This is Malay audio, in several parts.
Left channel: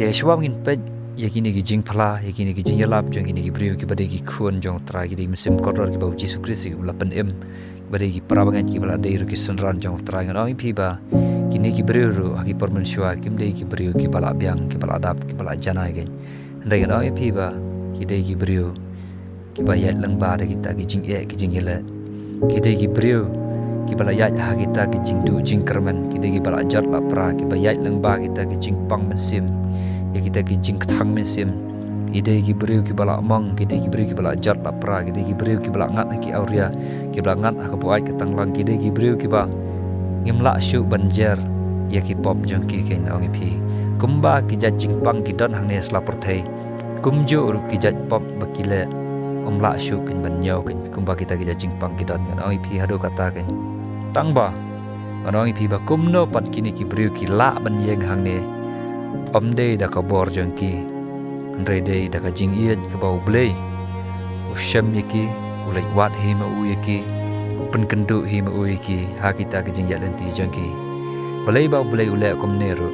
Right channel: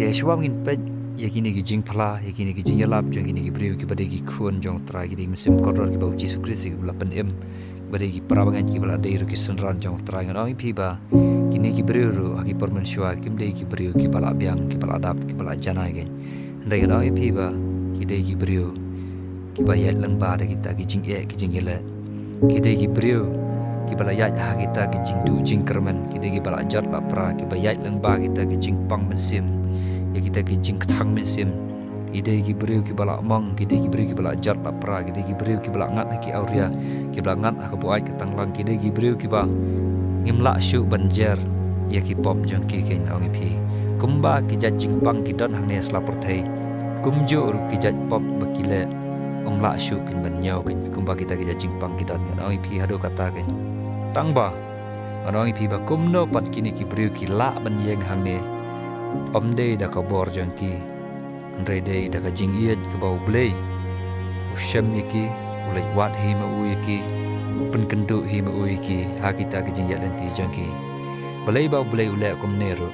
te shwam in pe yakini gi jing phala yakini gi jing yalap jong ini gi briu ki bade gi khun jong tra gi musim koror gi bau jisu krisi ulapan em bade gi parabangan ki bala deiru ki sunran jong tra ngan oi phi ba kini gi briu ru agi pormen shwa kim dei gi briu ki bala byang ki bala dap ki bala janai ge ndai ngan oi phi ba ki dei gi briu ki ba yat lang ba de gi ta gi jing e gi jing yele ki dei gi briu ki bala yat ha kita ki jing du jing kerman ki dei gi bala jat la pra ki ba yat lang ba kita ki jing pang mensim ya kita ki jing thang mensim ide ki briu ki bala mang ki dei gi briu ki bala jat la pra ki dei gi briu ki bala ngat ki auria ki bala ngat ha ko ai ka tang lang ki dei gi briu ki ba ngimla shu banjer ya ki pop jang ki ken ong phi kumba ki jat jing pang ki don hang ne sla por thai kumjo ru ki jat pop bakile omla shu kin ban nyaw kin kumba kita ki jat jing pang ki don ong phi hado kata ken tangba anong phi ba kumno pat kini ki briu ki la ban yeng hang ne omde da ka bor jang ki andre de da ka jing yet ka bau blei usham yaki ulai wat hi ma u yaki pen kendu hi ma u yaki ha kita ki jing yat lenti jang ki blei bau blei ule kom ne ro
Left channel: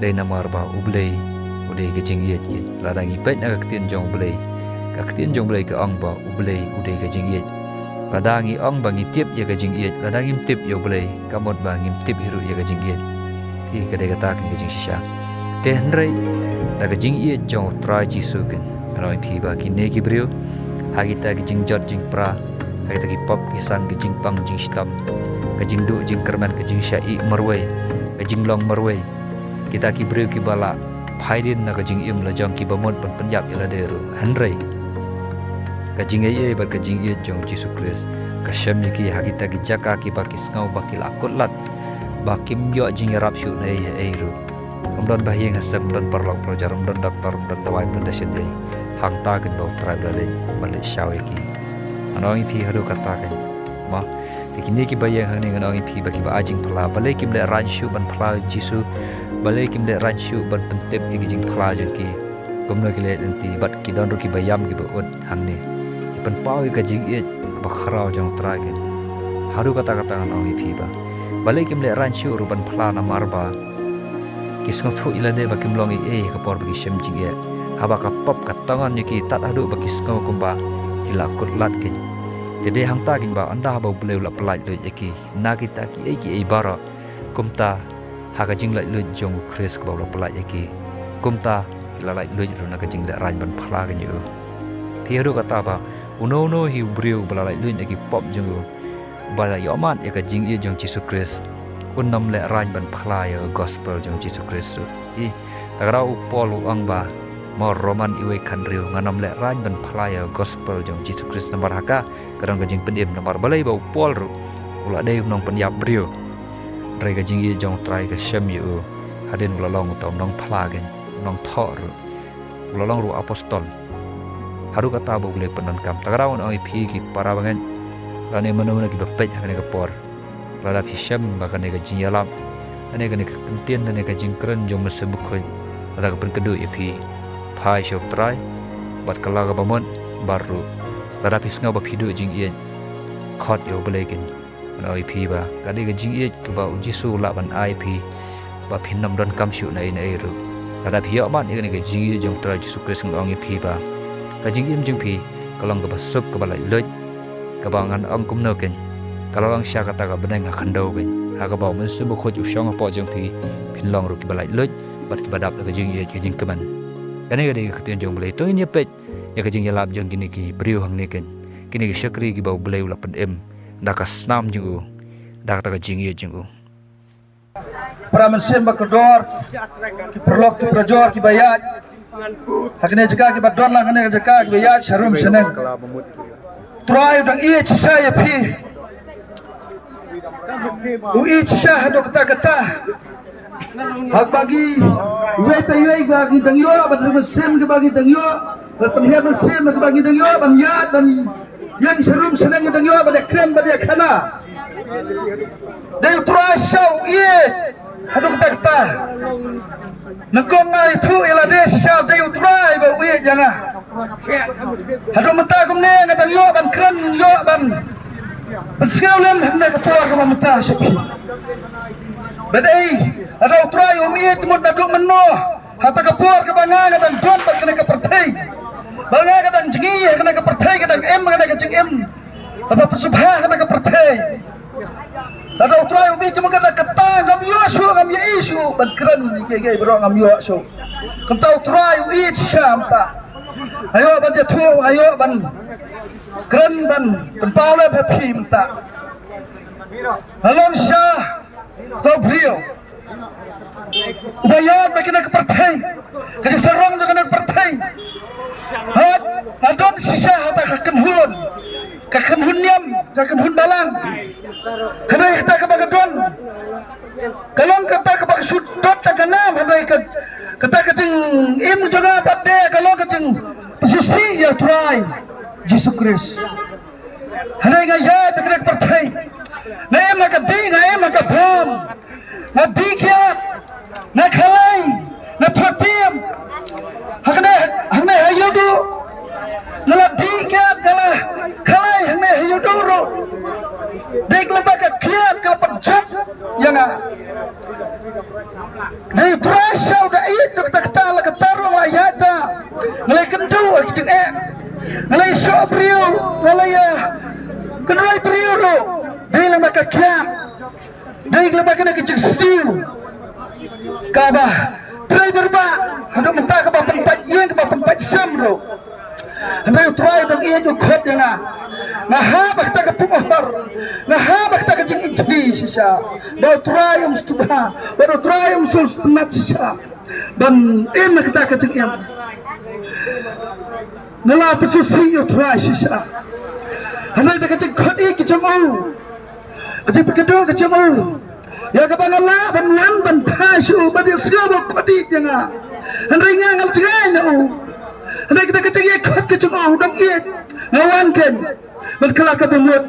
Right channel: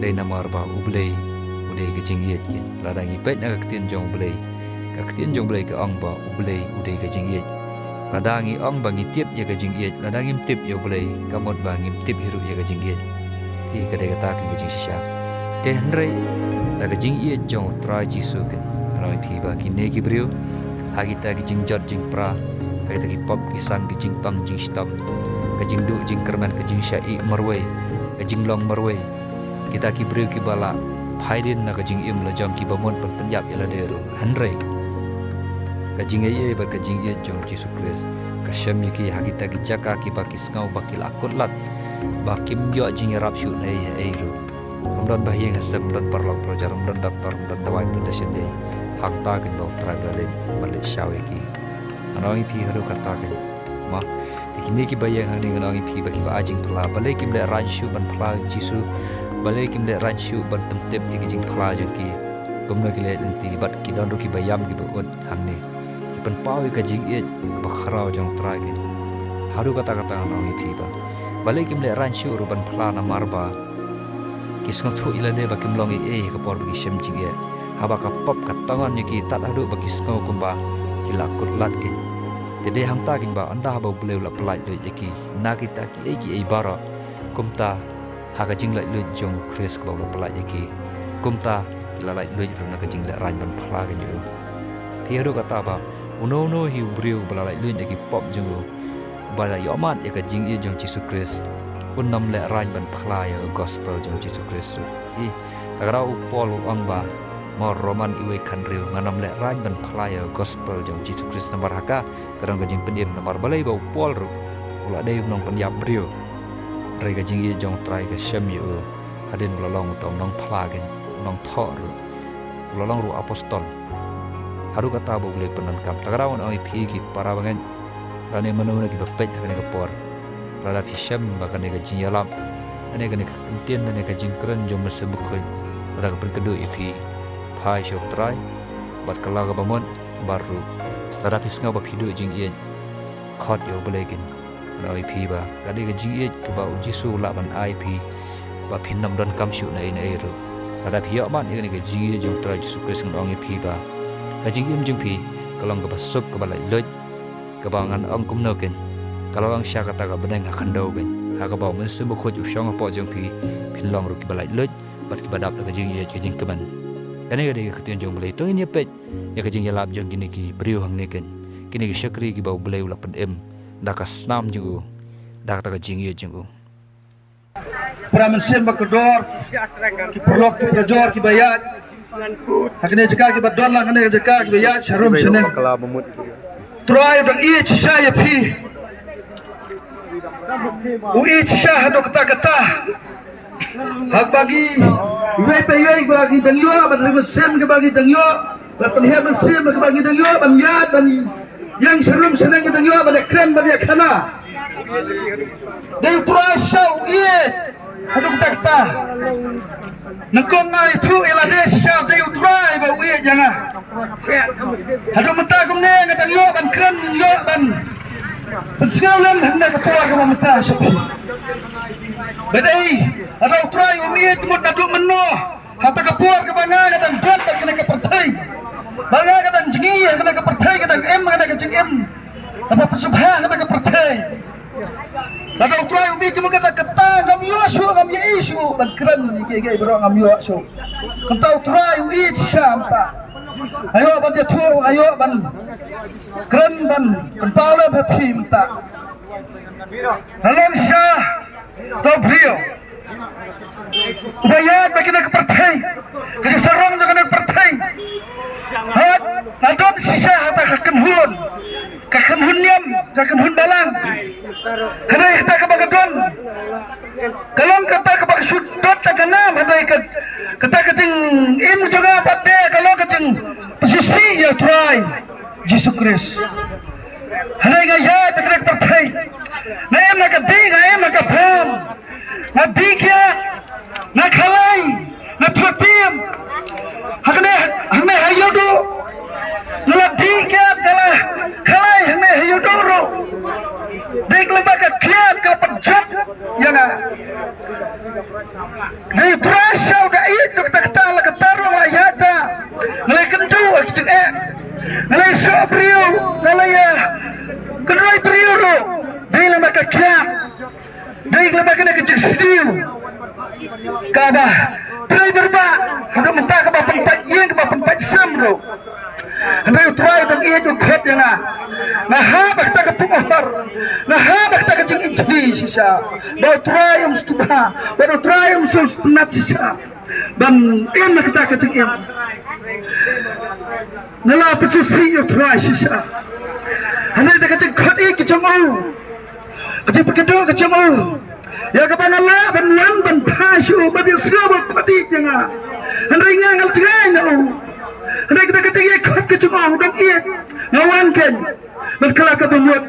de namar ba u blei ude ki jing yet ki la dangi pet na ka tin jong blei ka ong ba u blei ude ka jing yet ladangi ong bangi tip ya ka jing yet ladangi tip yo blei kamot ba ngim tip hiru ya ka jing yet hi ka de kata ki jing shisha te hnrei da ka jing yet jong trai chi su ken roi phi ba ki ne ki briu ha kita ki jing jot jing pra ha kita ki pop ki sang ki jing pang jing stam ka jing du jing kerman ka jing syai marwei ka jing long marwei kita ki briu ki bala phaidin na ka jing im la jong ki bamot pan penyap ya la deru hnrei ka jing ye ba ka jing ye jong Yesus Kristus ka syam ki ha kita ki jaka ki ba ki ngau ba ki lakut lat ba kim yo jing rap shu nei he ru ramdan bahiyeng hasam dan parlok projar ramdan doktor ramdan dawai ramdan dasyat dei hang ta ken bau trai bale bale shaw ki anong phi hadu kata ken ma dikini ki bayang hang ning anong phi ba ki ba ajing phla bale kim le ran shu ban phla Jisu bale kim le ran shu ban pentep ki jing phla jong ki gomno ki le enti bat ki don ru ki bayam ki ba od hang ni pen pau ka jing e ba kharau jong trai ken hadu kata anong phi ba bale kim le ran shu ru ban phla na marba kisngo thu ilade ba kim long e ka por bi shem jing e haba ka pop ka tangan ni ki tat adu ba kisngo kumba ki lakut lat kin tede hang ta kin ba anda ba bleu la plai de yaki na kita ki e bara kumta ha ka jing lai lu jong Chris ka ba la plai yaki kumta ki la lai lu ru na ka jing da ran ban phla ga ni pi adu kata ba uno hi breu ba lai lu yaki pop jong ba la yomat ya ka jing e jong Yesus Kristus unnam le ran ban phla ya gospel jong Yesus Kristus i tagra u pol ang ba mo roman iwe khanriu nganam le ran ban phla ya gospel jong Yesus Kristus namar haka karang gajing pendim namar balai ba u pol ru ula dei nong penyap brio rai gajing i jong trai ka shem yu hadin ulalong tom nong phla gen nong tho ru ulalong ru apostol haru kata ba ule penan kam tagra on oi phi ki para bangen rane manu ki bapej hane ka por lada phisam baka ne ka jing yalam ane ka ne ka tien ne ka jing kren jom se bukhoi lada ka pen kedu ipi phai shop trai bat kala ka bamon baru lada phisnga ba phidu jing yen khot yo blekin ana ipi ba ka de ka jing ye ka ba Jisu la ban ip ba phinnam don kam shu nai nai ru lada phia man ne ka jing ye jong trai Jisu Kristus ngong ipi ba ka jing im jing phi kalong ka ba sup ka ba lai loj ka ba ngan ong kum no ken kalau ang siya kata ka beneng akan daw ben haka baw men sumo khoj u shong po jong phi phin long ru ki balai loj bat ki badap la ka jing ye jing kaman kane ga de ka tin jong balai to ni pet ya ka jing yalap jong kini ki briu hang ne ken kini ki shakri ki baw balai la pen em da ka snam jing u da ka jing ye jing u para mensim ba kodor ki perlok ki projor ki bayat hakne jaka ki badon la kane jaka ki bayat sharum seneng troy dang ie chisha ye phi ui chisha hado kata hak bagi wei pe wei bagi dangyo ban sem ke bagi dangyo ban he ban sem ke bagi dangyo ban yat ban yang serum senang dangyo ban kren ban khana dei tura shau ie hado kata nakong ngai thu ila de shisha dei tura ba ui janga hado mata kumne dangyo ban kren yo ban Penselam hendak ketua ke mamata syapi. Badai ada utrai umiyat mud naduk meno hata kapur ke banga kadang don kena ke pertai banga kadang jengi kena ke pertai kadang em kena ke jeng em apa pesubha kena ke pertai ada utrai ubi cuma kena ketang ngam yosu ngam isu ban keren gege bro ngam yosu kenta utrai ui sampa ayo ban dia tu ayo ban keren ban pentau le phi mta halon syah tau brio ubayat bagi nak partai kasi sarong jangan nak partai hat adon sisa hata kakenhun niam kakenhun balang hadai hata kabagadon kalong kata kabag sudot taganam hadai kata kacing imu jangan pade kalong kacing pesusi ya try Jesus Christ hadai gaya bagi nak partai ngayam nak ding ngayam nak bom ngadikat na khalai na thotiam hakne hayudu nala dikat kala khalai hakne hayudu ro dek lebaka kiat kala penjat yang dari terasa udah itu kata la ketarung la yata ngalai kendu akceng ngalai sobriu ngalai ya kenoi priu ro dek lebaka kiat dek lebaka na keceng sediu kaba driver ba hado menta kaba penpat yang kaba penpat samro hando try bang iya jo khot yang na ha bakta ka pungohar na ha bakta ka jing ijli sisa ba try stuba ba try sus penat sisa dan em kita ka jing em nala pesusi yo try sisa hando ta ka jing khot ik jong o aje pekedo ka jong o ya kapan Allah banwan ban pasyu badia siapa kodi janga hendai ngal jengai na hendai kita keceng ye khot keceng dong ie ngawan ken berkelak ke bemut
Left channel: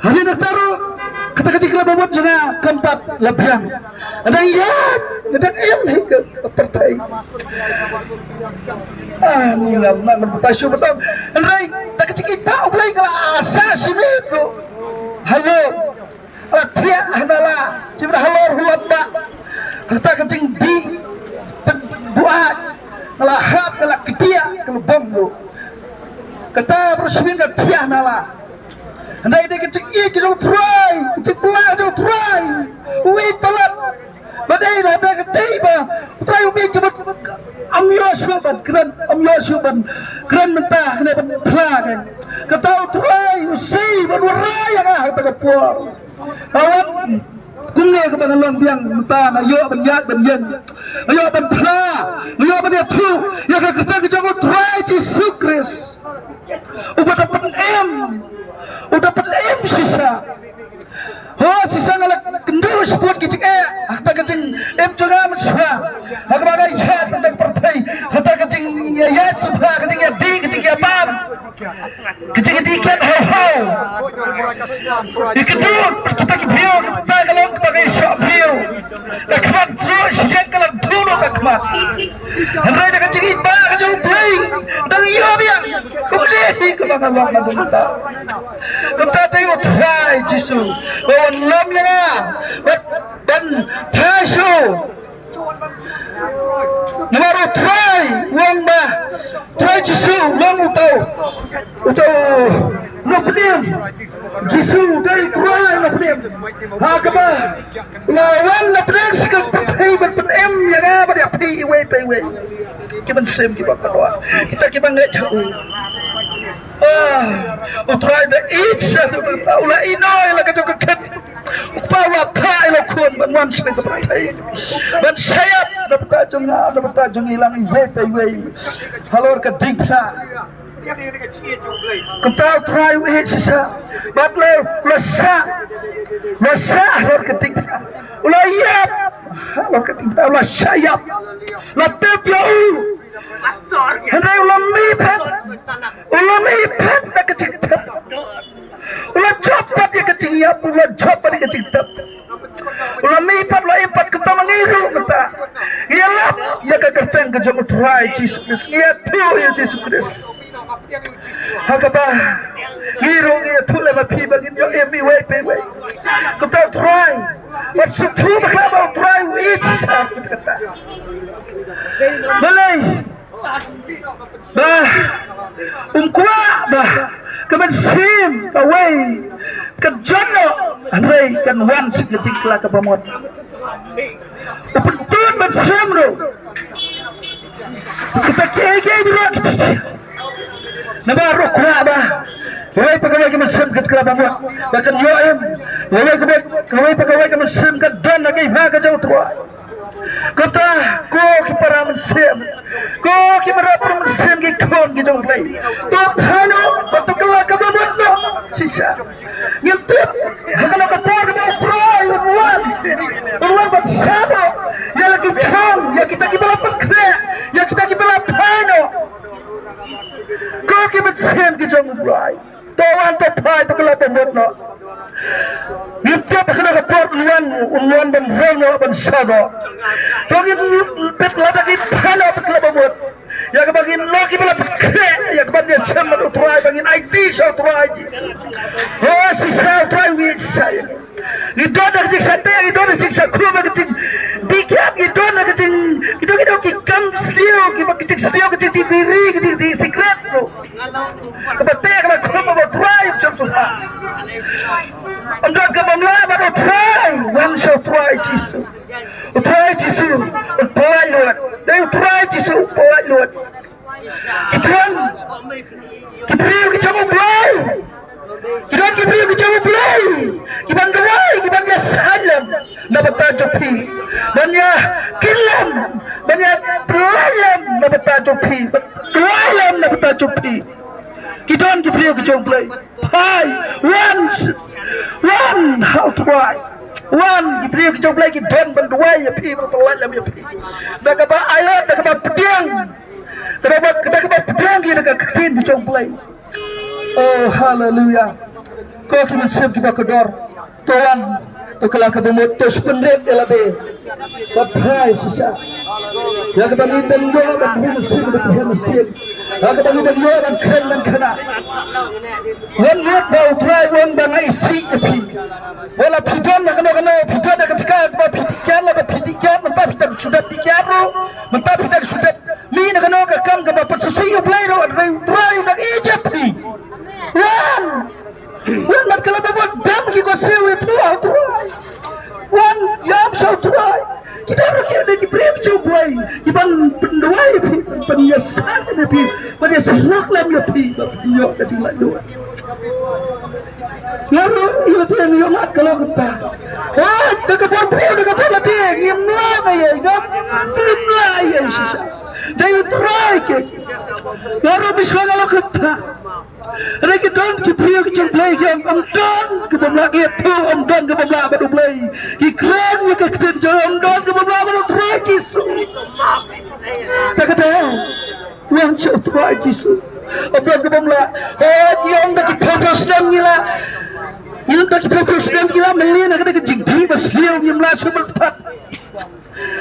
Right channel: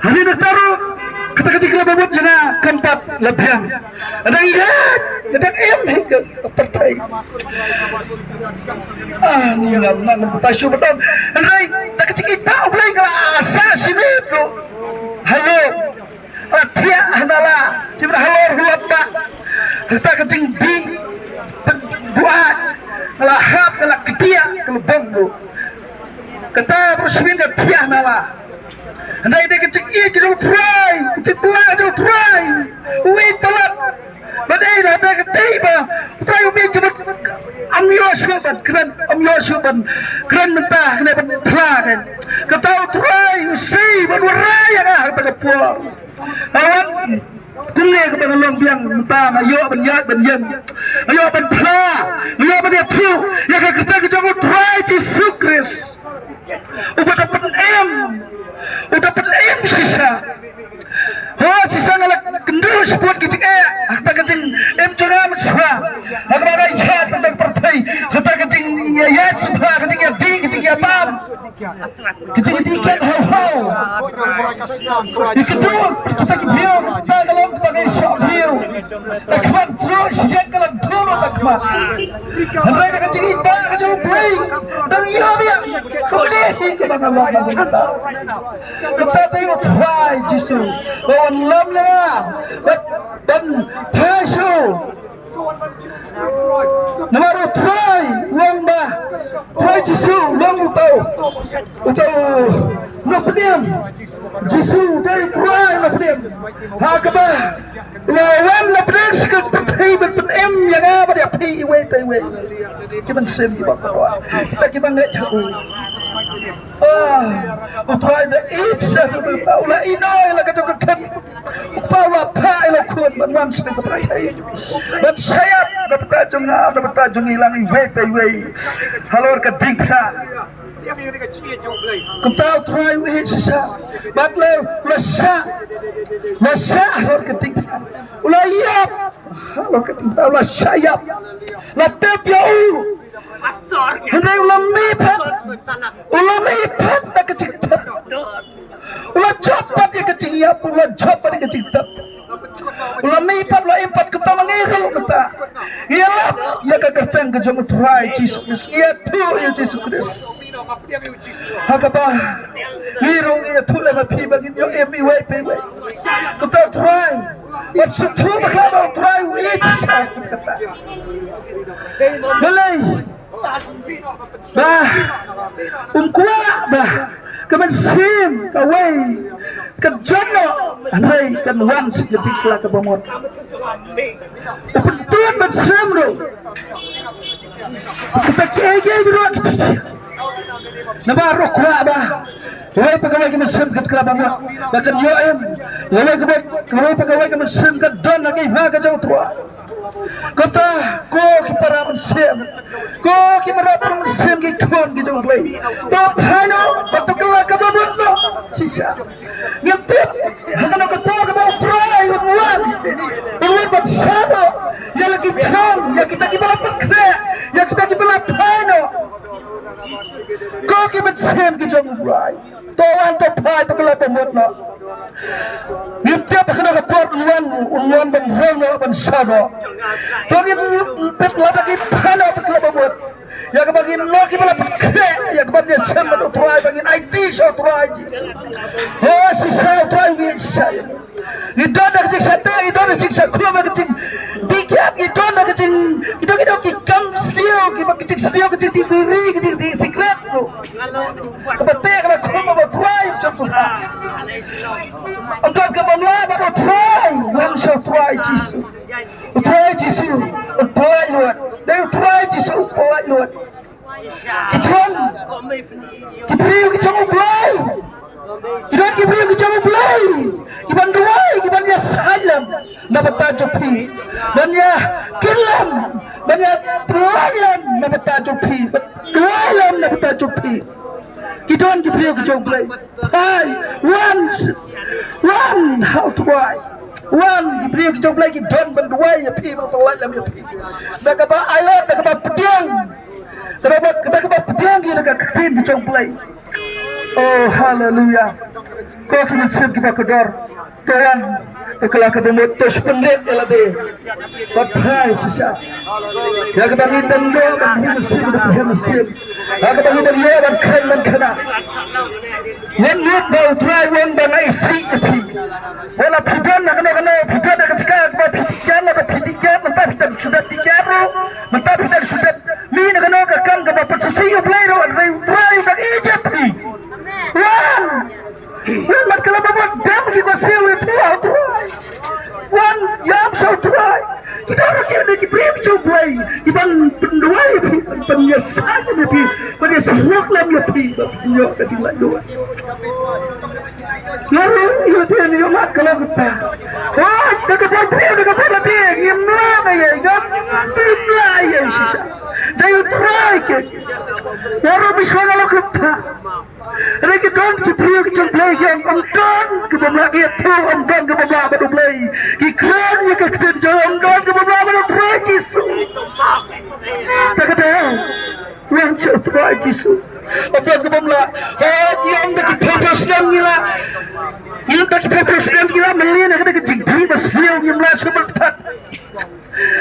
hari nak taruh kata keceng kela bemut janga keempat lebiang hendai ye gedang em ke partai ni ngam pasyu betul hendai tak keceng kita ulai kala asas simit halo Atia handala cibra halor hulabba kata kencing di buat ngelahap ngelak ketia kelubong lu kata bersmin ke tia handala handai dia kencing iya jauh try kencing pelah jauh try wait balat badai lah ada ketiba try umi jebut amyo suban keren mentah kena pelah kan kata try usi berwarai yang kata kepuar awan kumne ke bangalong biang mentang ayo ban yak ban yen ayo ban pla ayo ban tu ya ka kita ke jangan try Jesus Christ udah dapat em sisa sisa ngalak kendus buat kicik kata kecing em cura mesra agak ya tentang partai kata kecing ya subha kecing ya di kecing ya pam kecing dikan hau kedua kita kibio kita kalau pakai shop bio akmat terus yang kalau dulu akmat hendai dah kecing iba kecing playing dan iya dia kemudian kebangan lama kita tengok try Jesus bawan lam yang ban pasyo nomor try uang bah try Jesus long utau no pediam Jesus dari try no pediam hakaba lawan no pediam sekali terhei berpenem yang apa dia pi we kiban sem kiban kerwa kita kiban nggak jauh utrai da itsa ula inoy la kajokan upawa pa ilo kun banwan sini kepertai ban sayap dapat tajung hilang iwe halor ke dingsa kentau try sisa batle lasa halor ke dingsa ula yap halor ke dingsa ula sayap la tepya hendai ulam lipat nak kecil tap ulam cepat dia kecil ya ulam cepat dia kecil tap ulam lipat ulam empat kita mengiru mata ialah ya kekerteng kejong utrai Jesus ia tu ya Jesus Christ hakaba ngiru ia tu lama pi bagin yo emi we kita utrai masuk tu baklava utrai itu sah kita kata Malay. Bah. Kuwa bah. Kaman sim kaway. Kan jono anay kan wan sikletik la ka bamot. Upentun man sim ro. Kita kaya bro kita. Nabaro kuwa ba. Kaway pagaway ka man sim kat kala bamot. Bakan yo em. Kaway pagaway ka man sim kat don na kay ha ka jaw tuwa. Kata ko kipara man sim. Ko kipara man sim ki kon ki jong play. To phano patukla ka bamot no. Sisa. Ngintip. Hakana ka pa ka ba try unwan. Unwan ba sabo. Ya lagi kong ya kita kibala pakre. Ya kita kibala phano. Ko ki man sim ki jong play. To wan to phai to kala bamot no. Ngintip hakana ka pa unwan ban hono ban sabo. Bagi pet lagi phano pakla bamot. Ya kabagin loki bala pakre. Ya kabagin sama to try bagin IT so try. Oh si sa try wi sa. Ni dona ka sa te, ni dona sa kuma ka ting. Dikat ni dona ka ting. Kido ki kam slio ki ba ki slio ka ting biri ki ting secret bro. Kabate ka kuma ba try chop so. Amdon ka mamla ba to try. One shot try jisu. Try jisu. Try luat. Dai try jisu try luat. Kituan. Kipriu ki chong blai. Kidon kipriu ki chong blai. Kiban duai, kiban ya salam. Nabata jopi. Banya kilam. Banya pelayam nabata jopi. Dualam nabata jopi. Kidon kipriu ki chong blai. Hai, one, how to why? One, kipriu ki chong blai kidon ban duai ya pi, pelayam ya pi. Nakaba island, nakaba pedang. Kenapa pedang dia nak ketin di play. Oh haleluya. Kau kena siap kita kedor. Tuhan, tu kelak kedemut tu sependek elade. Bapai sisa. Ya kebagi tenggo bagi mesin bagi mesin. Ya kebagi tenggo dan keren dan kena. Nenit bau try wen bang isi api. Wala pidon nak kena pidon nak cakap apa pidikan lah pidikan mentah kita sudah dikaru mentah kita sudah mi nak kena kam ke bapak susi play ro try bang ijapi. Wan mat kala babot dam ki ko sewe try. Wan yam so try. Kita orang yang ki break jo play. Iban penduai penyasan ni pi. Pada silok lam yo pi. Yo ka tinggal dua. Lalu iyo tiyan iyo mat kalau kita. Oh, nakapor priyo nakapor tiyan. Imla kaya imla ya sisa. Dayo try ke. Lalu biswa kalau kita. Reki don ki priyo ki chang play yang don ke bamla ki tu don ke bamla badu play. Ki kran ya ka kten jo don ke bamla badu try jisu. Tak ada. Yang show try jisu. Abang ke bamla. Oh, yang dak purpose nam nila. Yang dak purpose nam nila melin nak dak jigdi bas liu yang la sebel tat.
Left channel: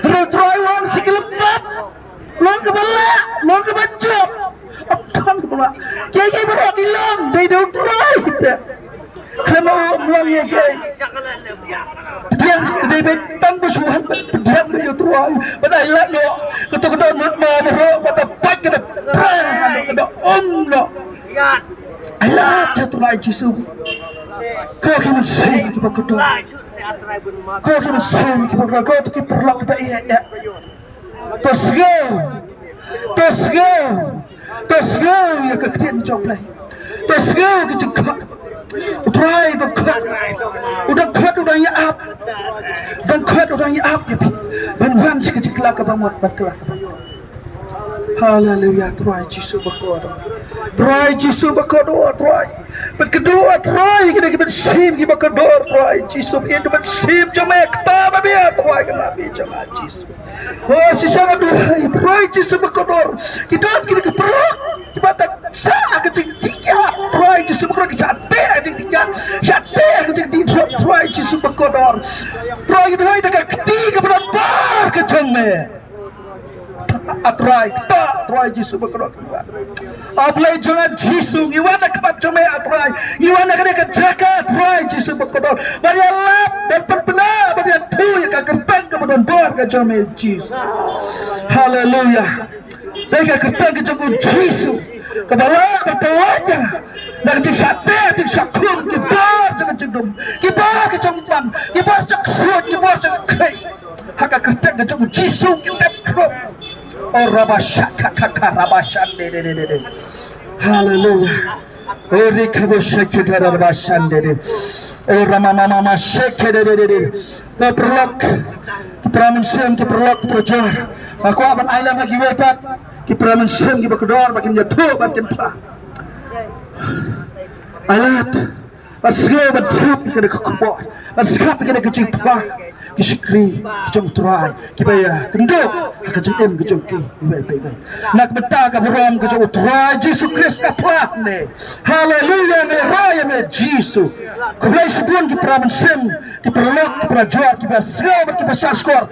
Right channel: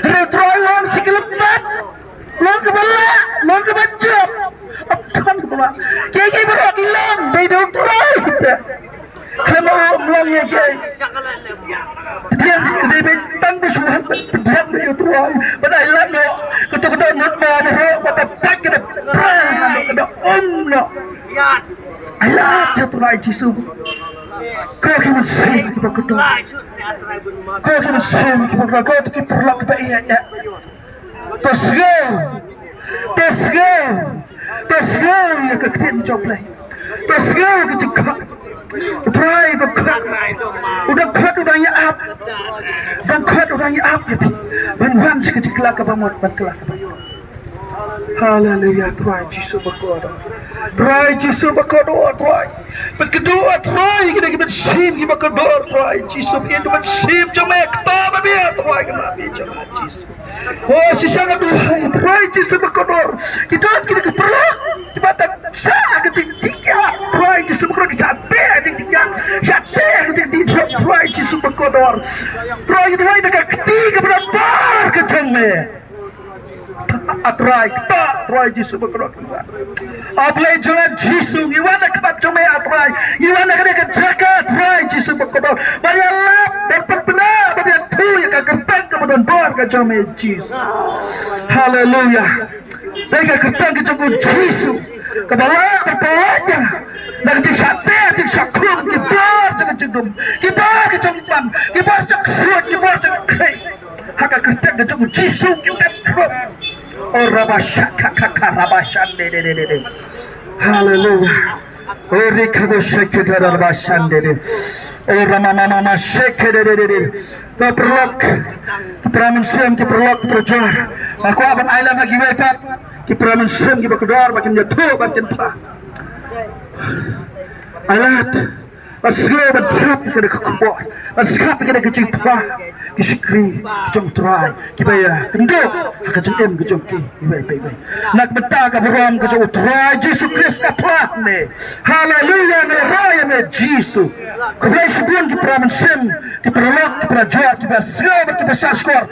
Retry wan siklepat. Lon ke bala, lon ke bajab. Abang ke bamla. Kaya berak hilang. They don't try. Kena melang ya kaya. Dia bentang bersuhan berdiam dia try. Pada ilat no. Ketuk-ketuk nut ma berok pada pak kena perang kena no. Ilat dia try jisu. Kau kena sen kita kedua. Kau kena sen kita kedua. Kau tu kita perlak kita iya ya. Tosgau ya keketin coplay. Tosgau kecekak. Try the cut. Udah ya up. Dan cut udah ya up ya. Ban sikit kelak ke bamot ban kelak ke bamot. Haleluya try jisu berkodo. Try jisu berkodo try. Ban kedua try kita sim kita berkodo try jisu itu ban sim cuma kita babia try nabi cuma jisu. Oh sisa aduh try jisu berkodo. Kita keperlak. Kita tak sah kecil tiga. Try jisu berkodo kita Syate kecil di try jisu berkodo. Try itu dekat ketiga berapa kecengnya. Try jisu berkodo. Ablay jangan jisu iwana kebat cuma try. Iwana kena kejaga try jisu berkodo. Bari Allah dan perbela bari tu yang kagentang kemudian bar ke cuma jisu. Haleluya. Mereka kertang kecukup Yesus. Kebala berpawanya. Dan kecik sate, kecik sakun, kibar jangan cendum, kibar kecongpan, kibar cek suat, kibar cek kei. Haka kertang kecukup Yesus kita krup. Oh rabasyak kakak rabasan de. Haleluya. Oh rikabosyak kita rabasan de. Oh mama syek de. Kau perlak, keperaman sem, keperlak, keperjar. Aku aban ailam lagi wepat, keperaman sem, keperkedar, makin jatuh, makin pelah. Alat, masgay bansap kena kekubur, mansap kena kecing pelah, kisikri, kecong terai, kibaya, kenduk, kecong em, kecong ki, ibay. Nak betah kaburam kecong terai, Yesus Kristus pelah ne. Haleluya ne raya ne Yesus. Kublai sebun keperaman sem, keperlak, keperajar, kepasgay, kepasaskor,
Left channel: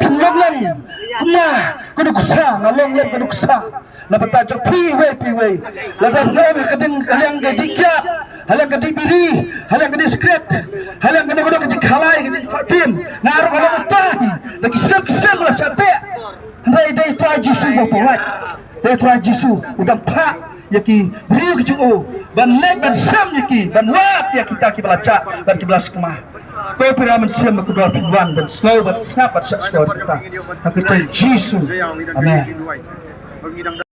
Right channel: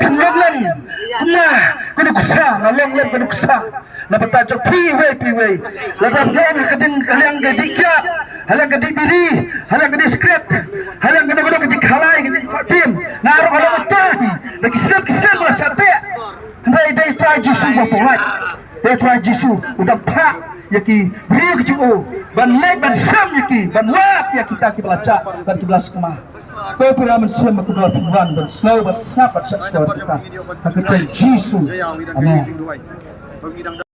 kenloglan, kumah, keduksa, nalonglan keduksa. Napata cak piway. Ladang ngam kading halang gadikat, halang gadi biri, halang gadi skret, halang gadang kecik halai kecik tim. Naruh halang utahi, lagi siap lah sate. Dai try Yesus bapak. Dai try Yesus udang pak yaki beri kecik o. Ban lek ban sam yaki, ban lap ya kita belaca, ban belas kemah. Kau piraman siam kedua tuan dan slow bat snap bat skor kita. Hakika Yesus. Amin.